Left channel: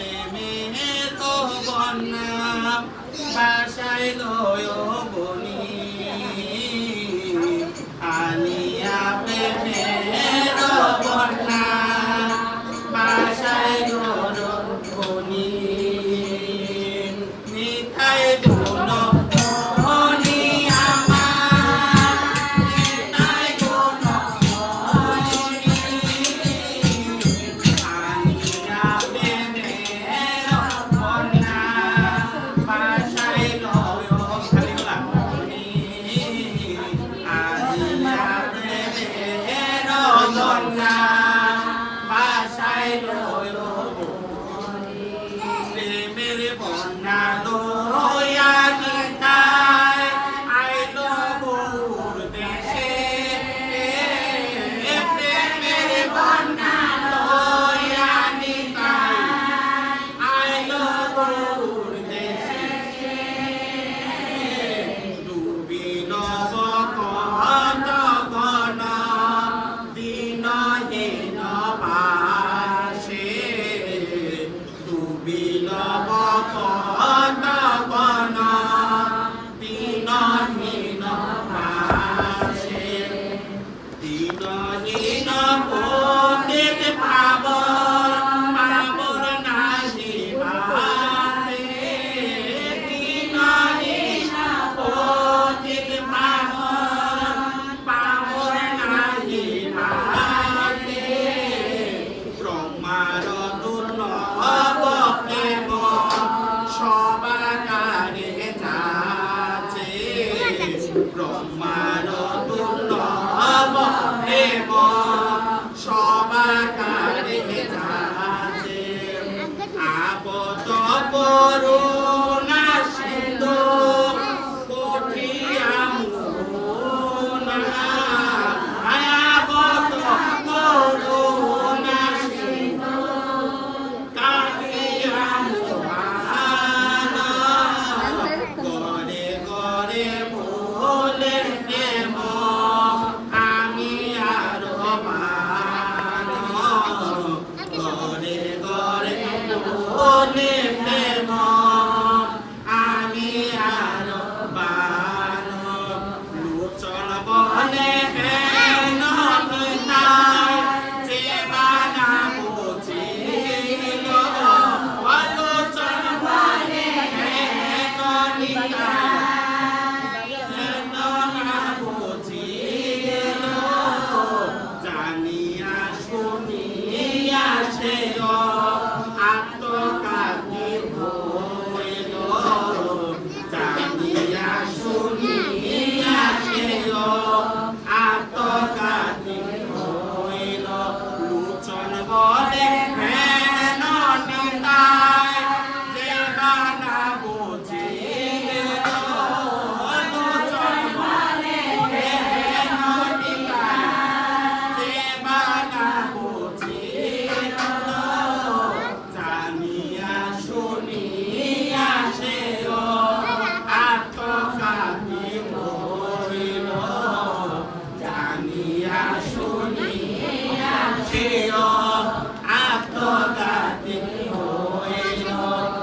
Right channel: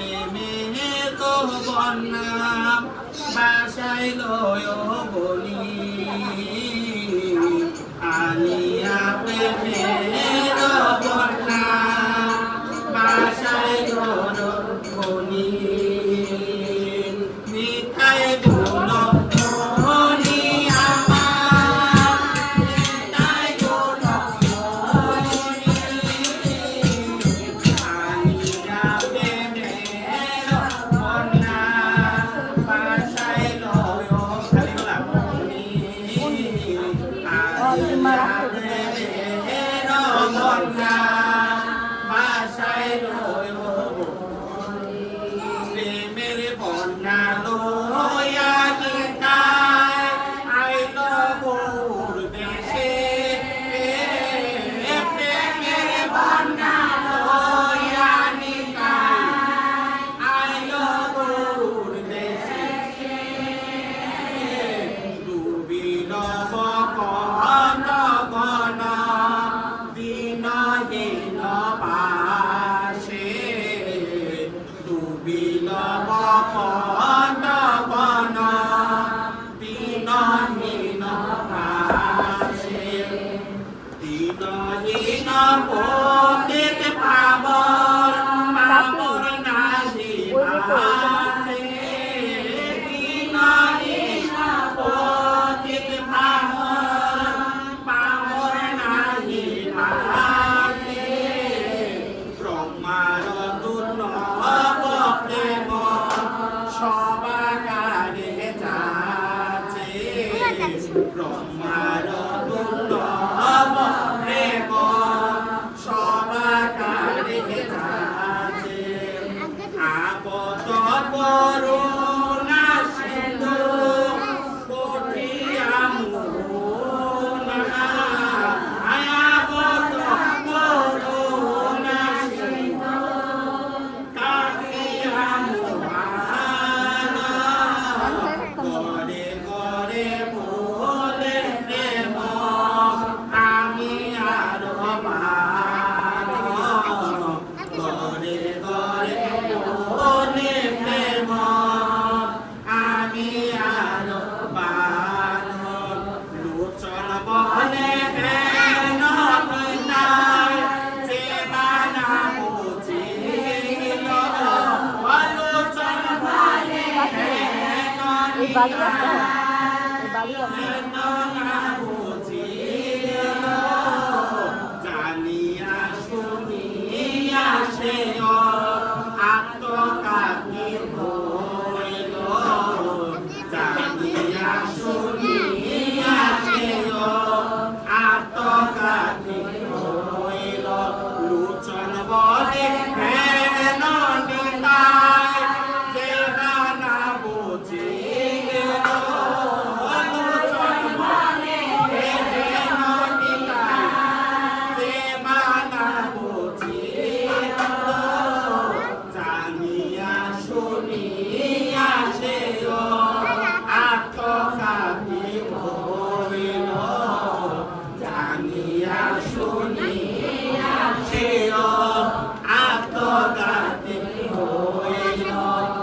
প্রেমের বন্যা বাসাইল বনি আনিয়া প্রেমের বন্যা বাসাইল বনি মিঠাই গুণ প্রেমের বন্যা লইয়া নিতাই আইল গৌর দেশে প্রেমের বন্যা লইয়া নিতাই আইল গৌর দেশে ডুবিল বকন গণ দিনহীন পাশে ডুবিল বকন গণ দিনহীন পাশে দিনহীন পণ্ডিত পাবর পাবর নাহি ভাবে দিনহীন পণ্ডিত পাবর পাবর নাহি ভাবে ব্রহ্মার দুর্লভ প্রেম সবাকারে যাচ্ছে ব্রহ্মার দুর্লভ প্রেম সবাকারে যাচ্ছে আপদ করুণা সিন্ধু কঠিয়া মুনা আয়াবত করুণা সিন্ধু কাটিয়া মুনা গড়ে গড়ে বলে প্রেম আমি আর গড়ে গড়ে বলে প্রেম আমি আর লোচন বলে হেন হইতাই যে মানা বুঝিল লোচন বলে হেন হইতাই হেন না বুঝিল জানিয়া শুনিয়া সে